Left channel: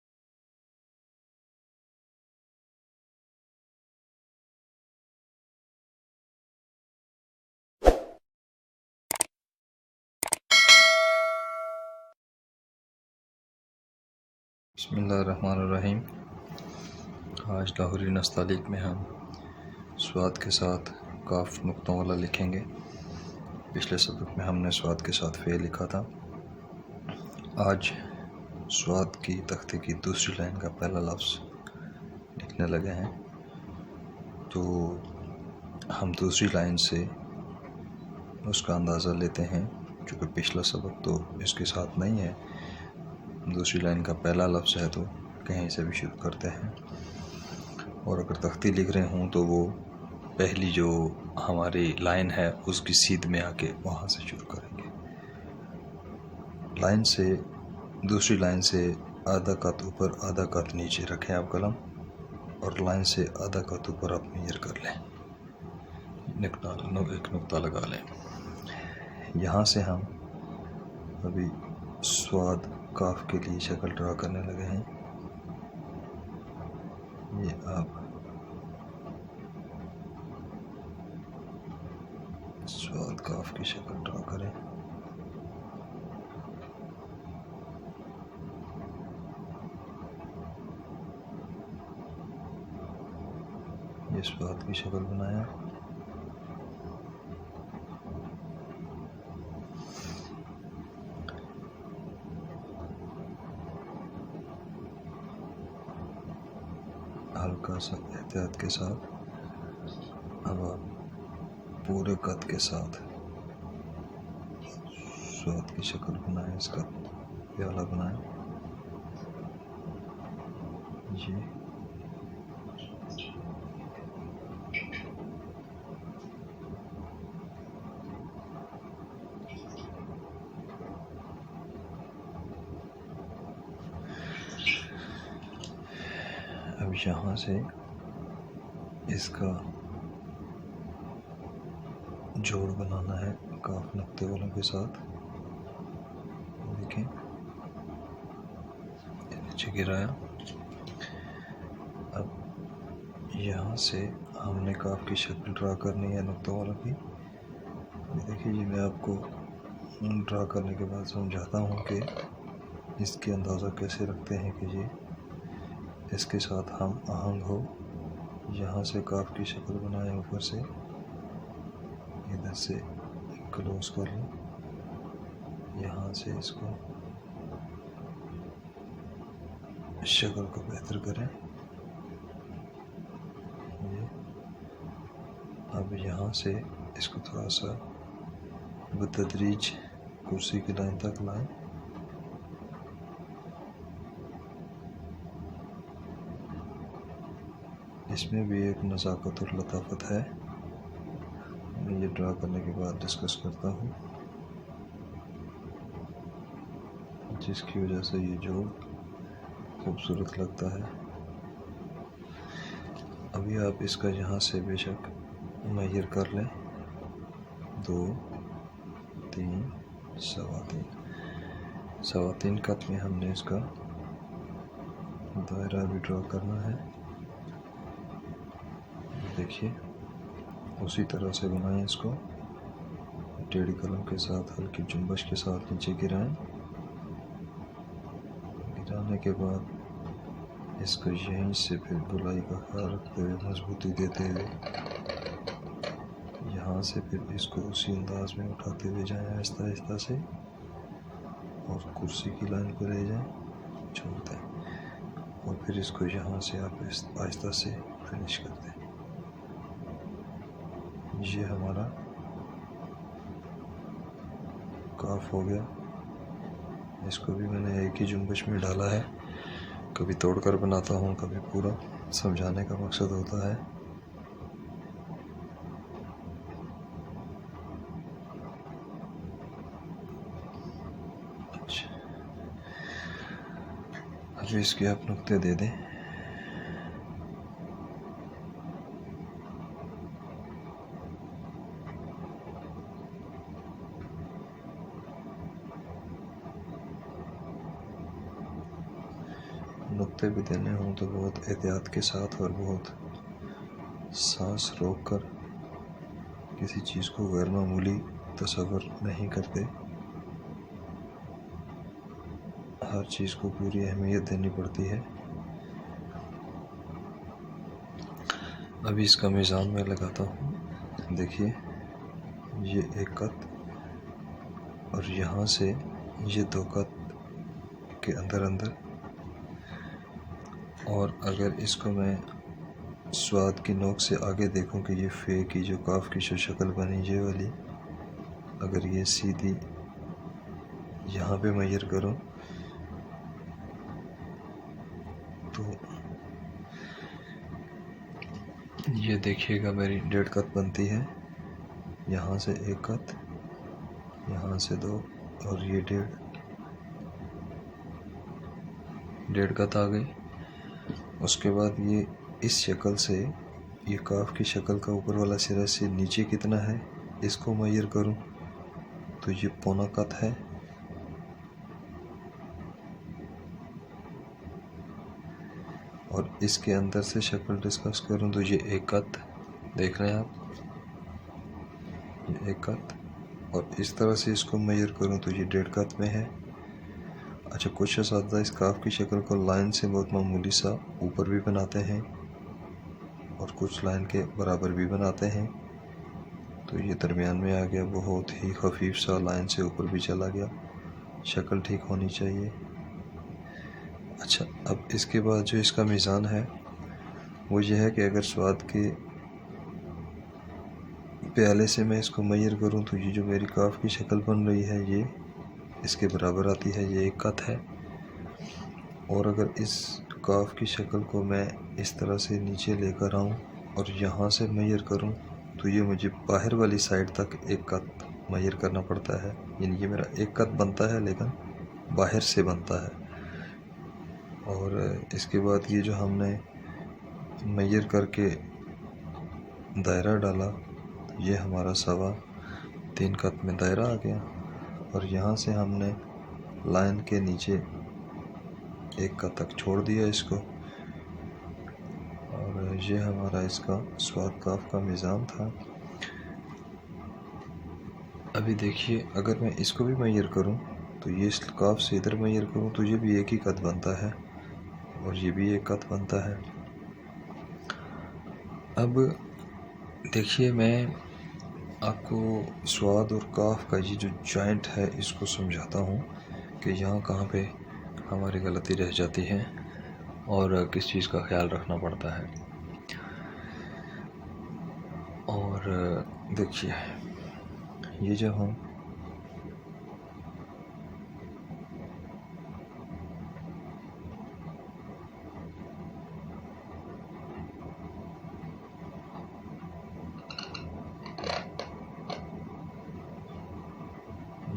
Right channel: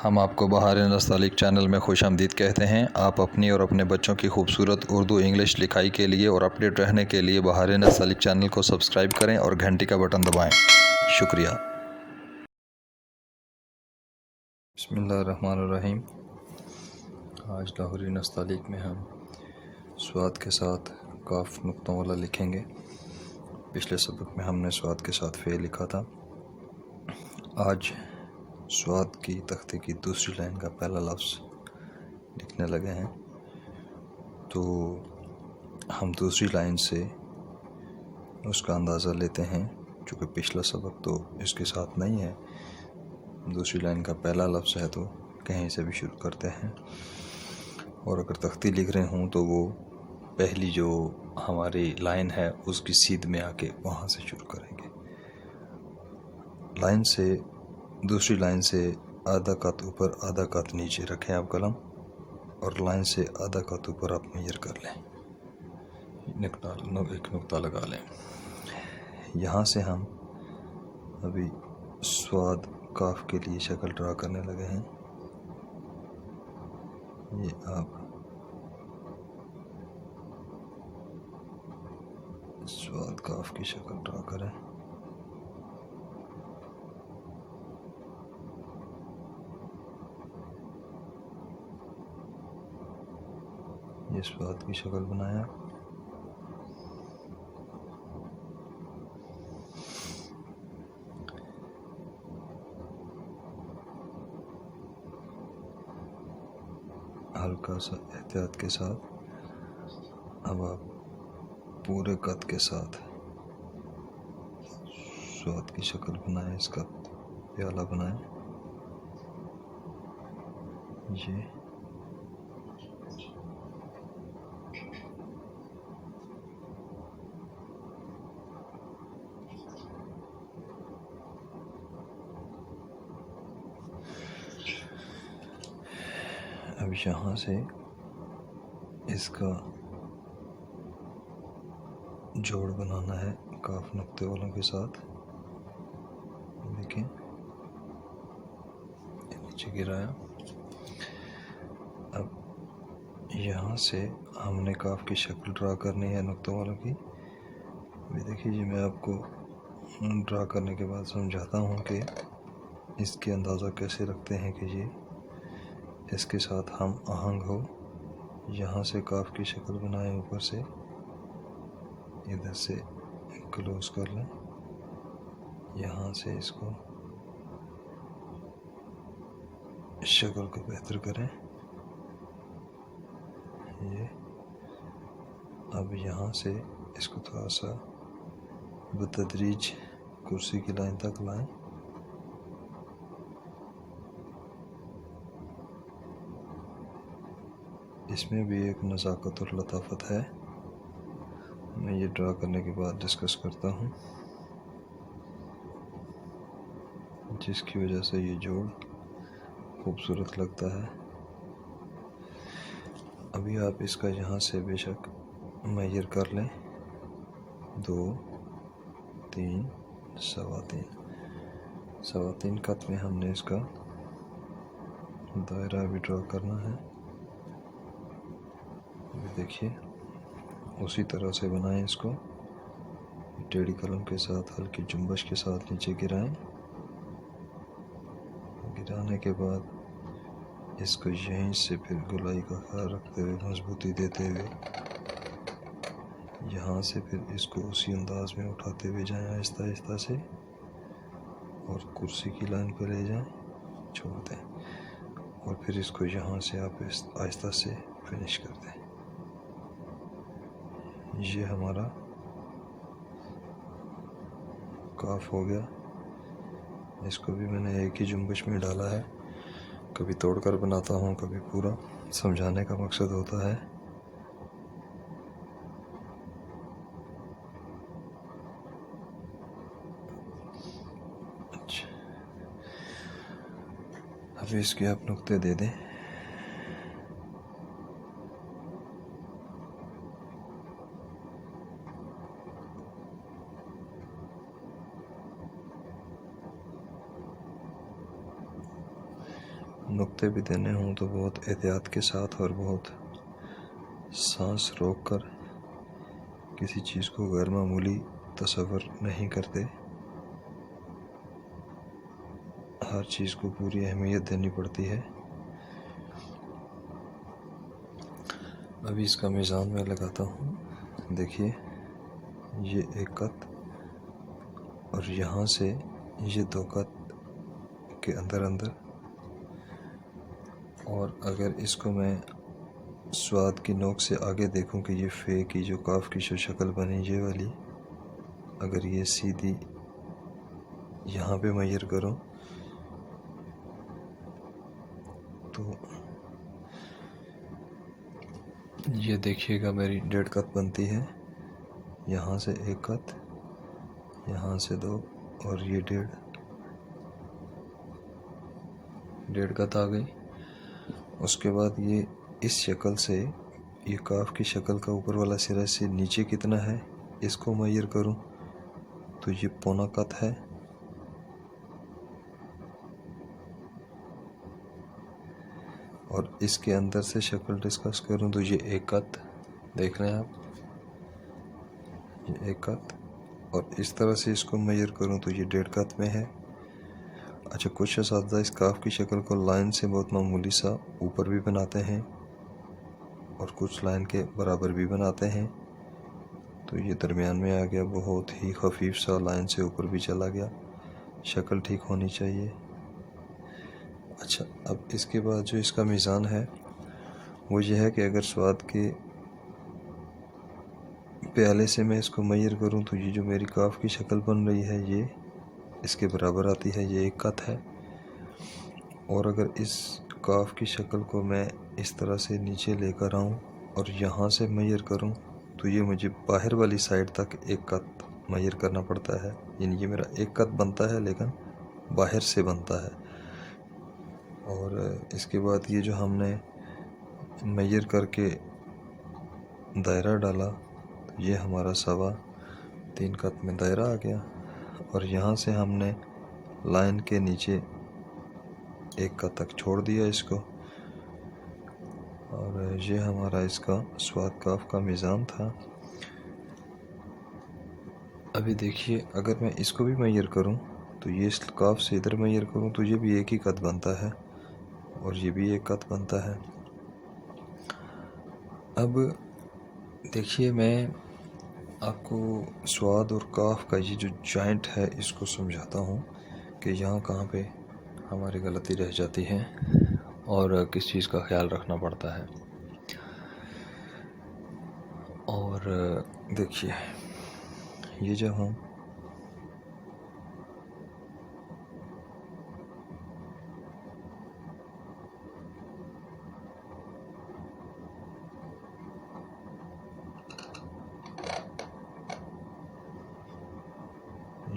हम आपको बहार नस्तालिक चैनल में खुशामदीद कहते हैं। आप अपनी और अपने बच्चों की खूबसूरत उर्दू इंग्लिश लिखाई के लिए और अपडेट रहने के लिए बहार नस्तालिक चैनल को सब्सक्राइब करें और घंटी का बटन दबाएं। शुक्रिया। बिस्मिल्लाहिर्रहमानिर्रहीम। आज लाहौरी नस्तालिक में हम स्वाद के साथ काफ नुक्तों वाला लिखेंगे। पिछले सबक में हमने स्वाद के साथ फ़े लिखा था। आज स्वाद की तख्ते की दूसरी लाइन का पहला लफ्ज़ लिखने लगे हैं, तो हम दूसरी लाइन से उसका अंदाज़ा लेते हैं। चूँकि पिछला सबक तो इसके साथ नहीं है, दूसरी लाइन का पहला लफ्ज़ है तो कहीं से भी शुरू करते हैं। और अगर तख्ती लिख रहे हों तो वो पहली जो हमारी लाइन है उसकी सीध में आके वहाँ से शुरू करेंगे। लाइन से दूसरी लाइन से आधा कत ऊपर आधा कत नीचे रखें आप कलम, और लाइन से आधा कत ऊपर आप मेजर कर लें। एक नुक्ता लगा लें। यहाँ से हम अभी स्वाद काफ के लिए शक्ल ड्रा करने लगे हैं। ये आप स्वाद काफ की शक्ल ड्रा करें। ये स्वाद की शक्ल बनाया। हल्का सा एहतियात के साथ अब आप पूरे कद के साथ स्वाद की शक्ल बनाएं, इसका प्याला बनाएं। ये अब यहाँ से इसका जोड़ बनाना है काफ नुक्ते वालों के साथ। देखिए नीचे गिराया। अब यहाँ से हमने काफ की शक्ल ड्रा करनी है नुक्तों वालों की। अभी देखिए जी, मैं आपको ड्रा करने के बाद समझाता हूँ कि इसके अंदाज़ा कैसे रखते हैं कि ये इसके साथ हम आहंग हो। यहाँ से काफ की शक्ल बनाएं, ऊपर से इधर से क्लोज कर लें, यहाँ से इसको शक्ल को बेहतर करें। ये अब यहाँ से इसको थोड़ा सा बतदरीज कुर्सी की लाइन तक लाएं। इसमें भी एक नज़ाकत और लताफत है, मैं ये ड्रा करने के बाद डिस्कस करता हूँ, जिसकी वजह से ये जोड़ खूबसूरत लगता है। अभी आप इसका यहाँ से बेशक मेजर कर लें, 2, 3, सवा तीन कत में हमने इसका दायरा भी ड्रा करना है। देखिए उसी तरह से बनाएं इसको। टेढ़ी कलम के साथ हल्की जुम्बश के साथ नीचे गिराएं। गिराने के बाद इसको यहीं से फिर गुलाई का ख्याल रखते हुए, मजबूती देते हुए, यहाँ से फिर इसको उसी अंदाज में उठाते हुए जाएं आहिस्ता आहिस्ता से, और कुर्सी की लाइन पर ले जाएं, छोड़ दें, और फिर इसको यहाँ से आप आहिस्ता से फिनिश कर दें। ये हमारा काफ हो गया। इसको भी मैंने एक ही जुम्बश में डाला है, कभी तोड़कर बनाता हूँ, कभी पूरा, समझाने का मकसद होता है। अच्छा, अभी इसके आप नुक्ते दे दें। नुक्ते भी देने हों तो बहुत एहतियात के साथ और बहुत सांस रोक कर, किसी चीज़ को गैर मामूली तसव्वुर नहीं करते, हर चीज़ को पूरी अहमियत देनी पड़ती है। अभी इसका मीज़ान मैं लगाता हूँ। देखिए ये एक कत और यहाँ से ये 2 कत के अंदर अंदर, और अगर इसको मैं स्वाद की नोक से आगे देखूं कि ये फे की जो काफ की जो शक्ल बनी ये वाली, अगर ये सीधी यहाँ पे मेजर करूं तो ये देखिएगा मेरी 1.5 कत बनती है। यहाँ से 1 कत, यहाँ से 2 और ये 1.5 कत आ गई। उसके बाद ये इस शक्ल से, ये काफ की शक्ल का ऊपर वाला सिरा से नीचे कितना है इसको मेजर करूं तो ये 1.25 कत है। और इसके अंदर से शक्ल डिस्कस करूं तो ये 1 कत, देख रहे हैं आप, ये 1 कत। और इस तरह से इसको मेजर करूं तो ये 1.5 कत में है। अच्छा, कुछ असातिज़ा इस काफ की शक्ल को लाइन से बहुत मामूली सा ऊपर भी बनाते हैं और कुछ लाइन के बराबर भी बनाते हैं, तो ये दरमियान में आ गया, बहुत ही खफीफ सा लाइन से ऊपर भी चला गया। शक्ल ठीक होनी चाहिए। अच्छा, अब इसके बाद जो इसका मीज़ान है वो ये है कि अगर स्वाद के प्याले से मैं इसको मेजर करूं तो ये जो मेरी काफ की शक्ल बन रही है ये इसके बराबर आती है, ये 1 कत है। और अगर इस काफ की शक्ल को मैं इस तरह से नीचे लेकर आऊं और यहाँ से मेजर करूं तो ये मुझे बाहर वाली साइड तक 1 कत मेजर करना पड़ता है। यानी ये मेरा 1 कत बनता है लेकिन बाहर से बनता है। और इसके बाद ये जो हमने मेजर करके दायरा डाला, ये हमारा 3.25 कत में दायरा आ गया। और यहाँ से हमने लाइन के नीचे 1 कत तक छोड़ दिया इसको, और ये हमारा इसका स्वाद काफ का मीज़ान था। अभी देखिए, अगर मैं इसको भी मेजर करूं तो ये इस काफ से इधर मेजर करूं तो ये भी 1 ही कत बनता है और ये भी 1 कत बनता है। अब देखिए, मैं आपको स्वाद और काफ का ये जो जॉइंट है इसको समझाता हूँ कि यहाँ कहाँ पे हमारी गलती रह जाती है और किस चीज़ का ख्याल रखना पड़ता है। और देखिए, ये जब हम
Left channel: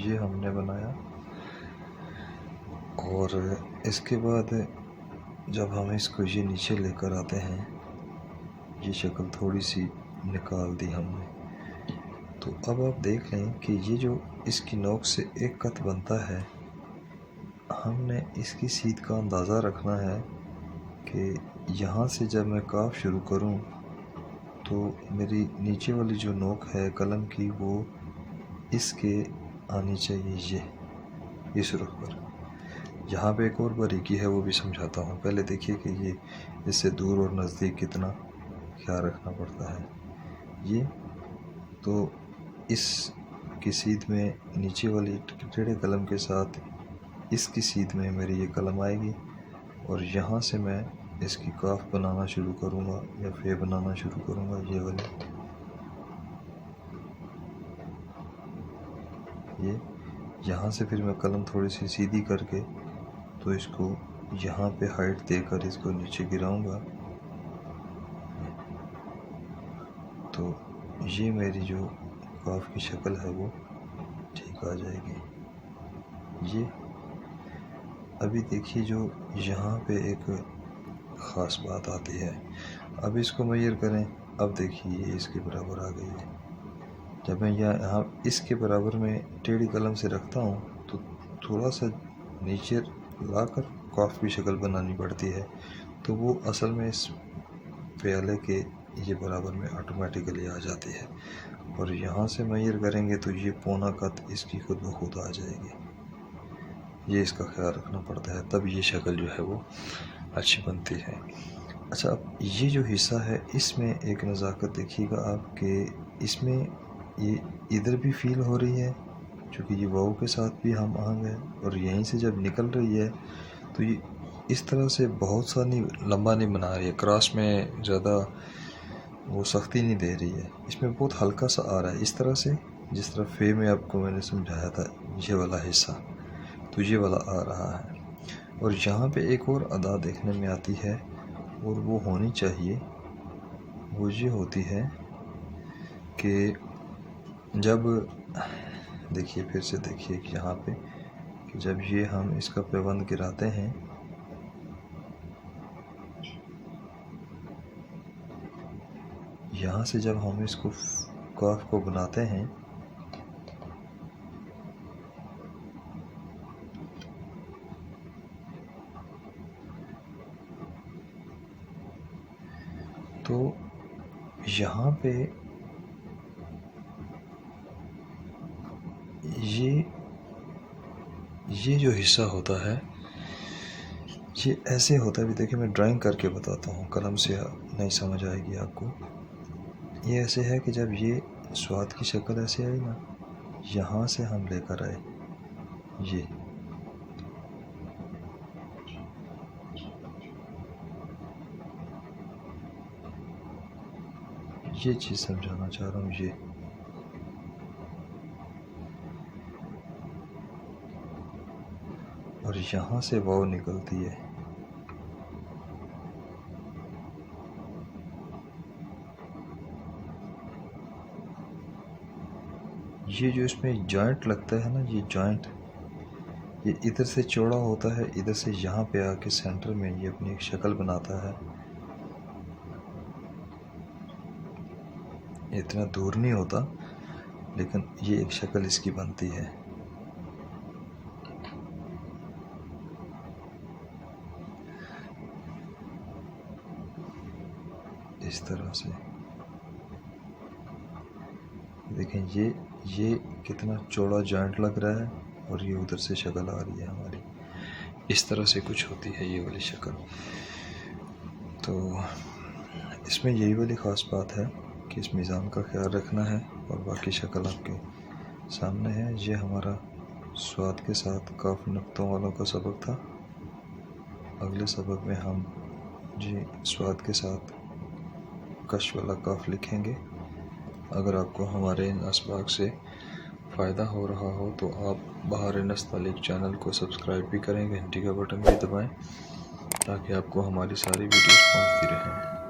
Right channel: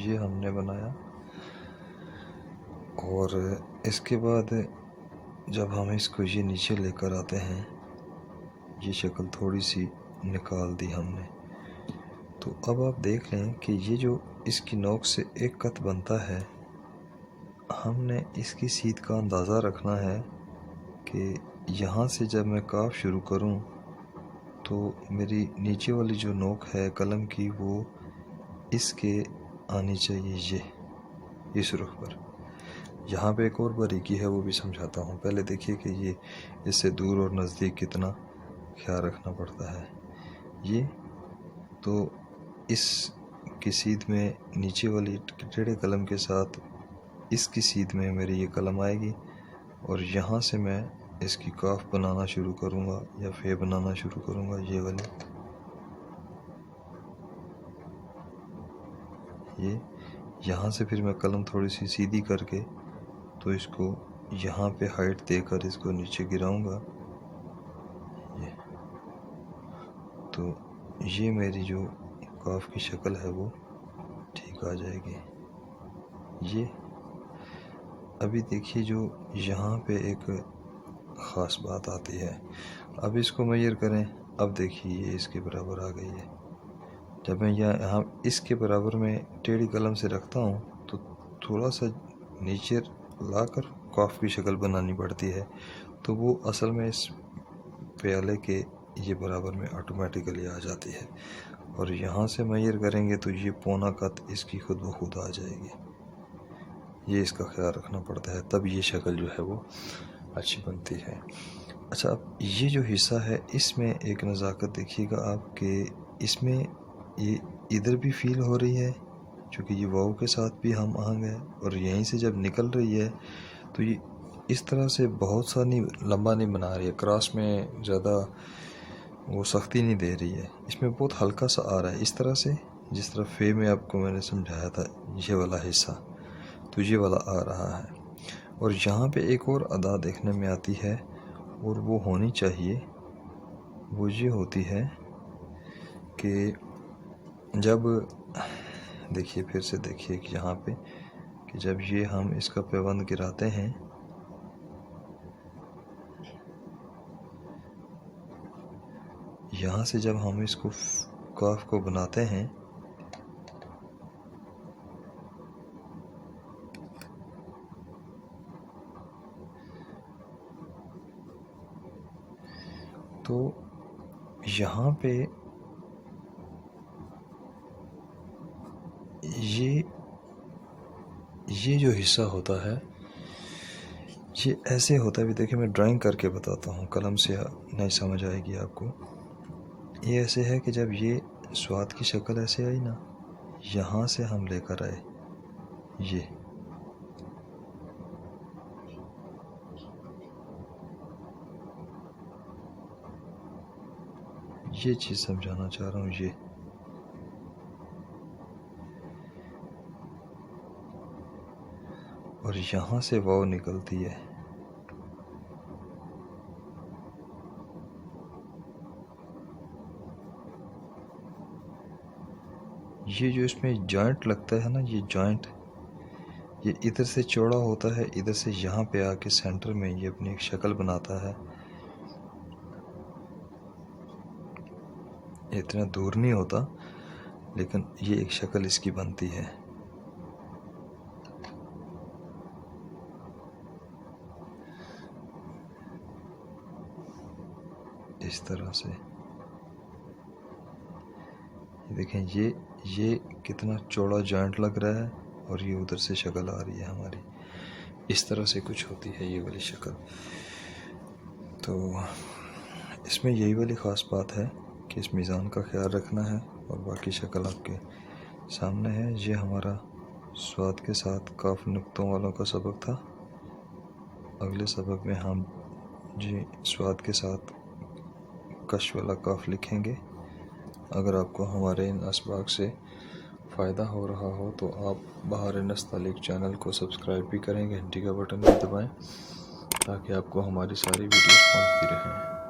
ये हमने बनाया, और इसके बाद जब हम इसको ये नीचे लेकर आते हैं, ये शक्ल थोड़ी सी निकाल दी हमने, तो अब आप देख लें कि ये जो इसकी नोक से 1 कत बनता है, हमने इसकी सीध का अंदाज़ा रखना है कि यहाँ से जब मैं काफ शुरू करूँ तो मेरी नीचे वाली जो नोक है कलम की वो इसके आनी चाहिए, ये इस रुख पर। यहाँ पे एक और बारीकी है वो भी समझाता हूँ। पहले देखिए कि ये इससे दूर और नज़दीक कितना ख्याल रखना पड़ता है। ये तो इस की सीध में नीचे वाली टेढ़े कलम के साथ इसकी सीध में मेरी ये कलम आएगी, और यहाँ से मैं इसकी काफ बनाना शुरू करूँगा या फे बनाना शुरू करूँगा, ये वाली। ये यहाँ से फिर मैं कलम थोड़ी सी सीधी करके तो इसको यहाँ पे हाइट देकर इसको नीचे गिराऊंगा, तो ये मेरी जो काफ की शक्ल है वो ठीक आ जाएगी। ये अभी देखिए, जो यहाँ पे एक ख़ास बात आती है, अब इसको मेजर करें, अब देखिए ये इसके बराबर आ गई है। जब मैं यहाँ इसके बराबर में टेढ़ी कलम से रखता हूँ तो थोड़ा सा नीचे लाकर काफ की शक्ल बनानी पड़ती है, तो वो असल में इस प्याले के ये बराबर में ऑटोमेटिकली आ जाती है। और यहाँ से मैयर करेंगे तो ये पौना कत इसकी खुद ब खुद आ जाएगी। ये इसका ख्याल रखना पड़ता है, तब ये शक्ल जो है वो अच्छी बनती है। अच्छा, अब ये जो हिस्सा है इसमें एक नज़ाकत देखिएगा आप कि इसमें ये इधर भी फील हो रही है, क्योंकि ये वाव के साथ भी हम आहंग है, और यहीं से जब निकल रही है तो ये इस तरह से बहुत सा नहीं, लंबा नहीं बना रही है, क्रॉस में ज़्यादा वो सख्ती नहीं दे रही है, इसमें बहुत हल्का सा आ रहा है इस तरह से, जिस तरह फे में आपको मैंने समझाया था ये वाला हिस्सा, तो ये वाला आ रहा है। और यहाँ पे एक और अदा देखने में आती है, और वो होनी चाहिए, वो ये होती है कि जब देखिए, फिर से देखिए कि यहाँ पे कि जब ये हम इसका पैबंद गिराते हैं, यहाँ से जब हम इसको काफ को बनाते हैं तो यहाँ पे ये जो हिस्सा होता है ये ऐसे होता है। भी देखिए, मैं ड्राइंग करके बताता हूँ, कलम से नहीं समझ आएगी आपको। ये ऐसे है कि जब ये स्वाद की शक्ल ऐसे आई ना, यहाँ से हम लेकर आए ये चीज़ समझाना चाह रहा हूँ। ये और यहाँ से वाव निकलती है, ये जो इसमें जॉइंट लगता है ना, ये जॉइंट ये इधर से चौड़ा होता है, इधर से यहाँ पे आके सेंटर में ये अपनी एक शक्ल बनाता है। इतना दूर नहीं होता, लेकिन ये एक शक्ल इसकी बनती है इस तरह से। देखें, ये कितना चौड़ा जॉइंट लग रहा है, और ये उधर से शक्ल आ रही है हमारी, इस तरह से कुछ होती है ये वाली शक्ल। तो इसमें यही वाली ख़ास बात है कि इस मीज़ान का ख्याल रखना है, और बाकी शक्ल आपके सामने है। ये हमारा स्वाद के साथ काफ नुक्तों वालों का सबक था। अगले सबक में हम जी स्वाद के साथ कश वाला काफ लिखेंगे। अगर आपको हमारे इन असबाक से फ़ायदा हो रहा हो तो आप बहार नस्तालिक चैनल को सब्सक्राइब भी करें, घंटी का बटन भी दबाएं, ताकि आपको हमारी सारी वीडियोस पहुंचती रहें।